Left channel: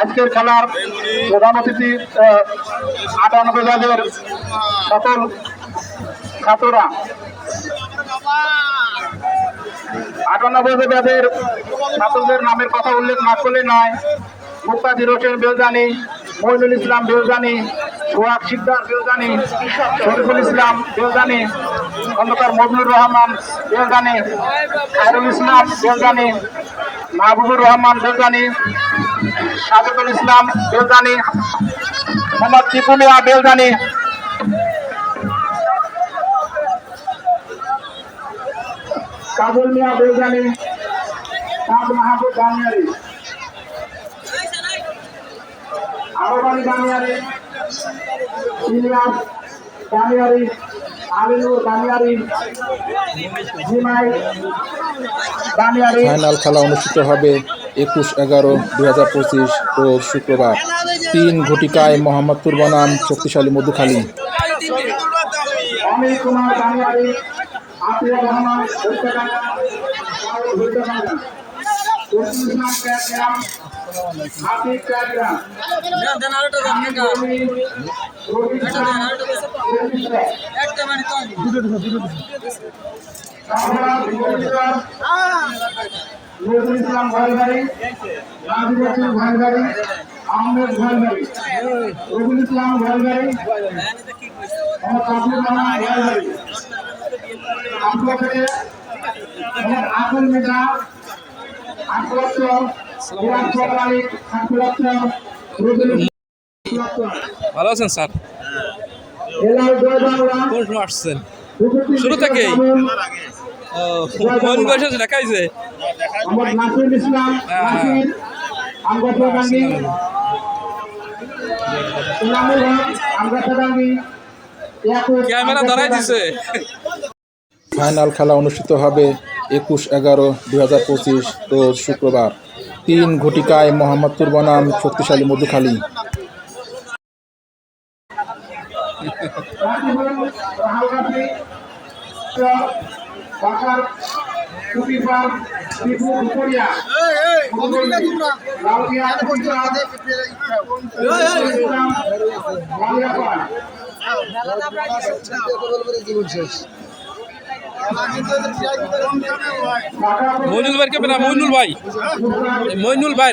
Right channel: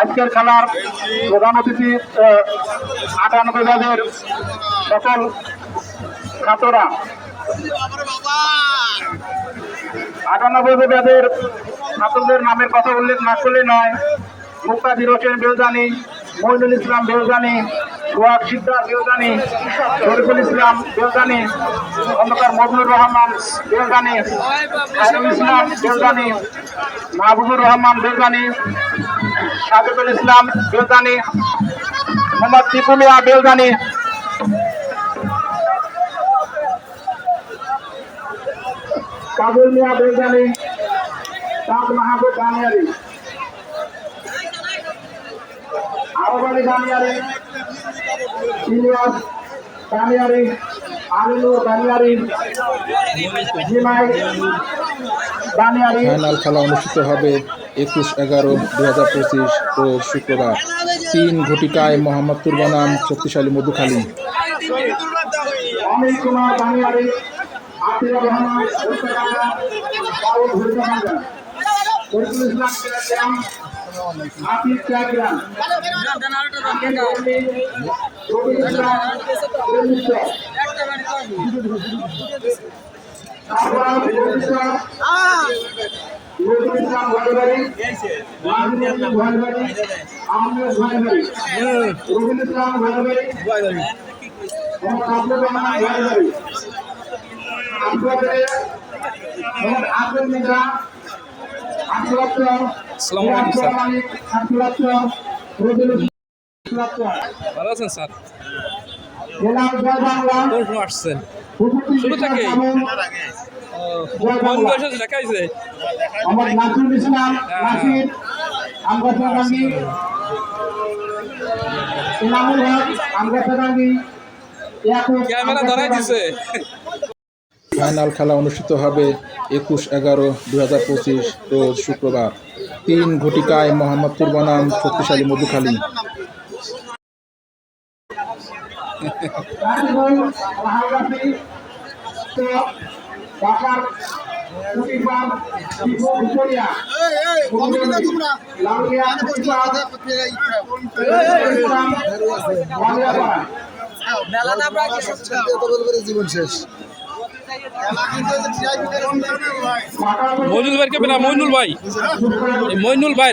আজকের খেলার প্রধান অতিথি আটানব্বই বাজের সকল ছাত্ররা। আটানব্বই বাজের ছাত্রদের নামের কথা উল্লেখ না করলে নয়। মুক্তাদির হোসেন বেলজানি, মইনুল ইসলাম বেলজানি সোহাগ শিকদার বেলজানি শরীফুল ইসলাম বেলজানি খন্দকার মজনুর রহমান বেলজানি আলম ইসলাম বেলজানি মাহবুবুর রহমান বেলজানি সাজেদুল ইসলাম বেলজানি মোহাম্মদ টিপুমিয়া বেলজানি কাবুল মিয়া বেলজানি তাজ মাহবুব আলী বানিয়ারি ইলিয়াস বানিয়ারি আলিনুর বানিয়ারি জিমাই বানিয়ারি। ফাইনাল খেলা অনুষ্ঠিত হবে একুশ এগারো দুই হাজার পঁচিশ ও শুক্রবার। তিন ঘটিকায় মোহাম্মদপুর বনাম শক্তিশালী মধুখালী। অনিল কুমার বানিয়ারি রহমান আহমেদ ভয়বাড়ি রবিউল ইসলাম ভয়বাড়ি মোহাম্মদ আব্দুল রহমান ভয়বাড়ি আব্দুল কাদের মোহাম্মদ আব্দুল ভালো আছেন স্যার? কোন আসছেন? শুরু কোন বয়সে দেখাইছে ক্যামেরা ধরাই দিছে। ফাইনাল খেলা অনুষ্ঠিত হবে একুশ এগারো দুই হাজার পঁচিশ রোজ শুক্রবার। তিন ঘটিকায় মোহাম্মদপুর বনাম শক্তিশালী মধুখালী। জীবন শেষ। মইনুল ভাই কেবে না মইনুল ভাই। মইনুল ভাই।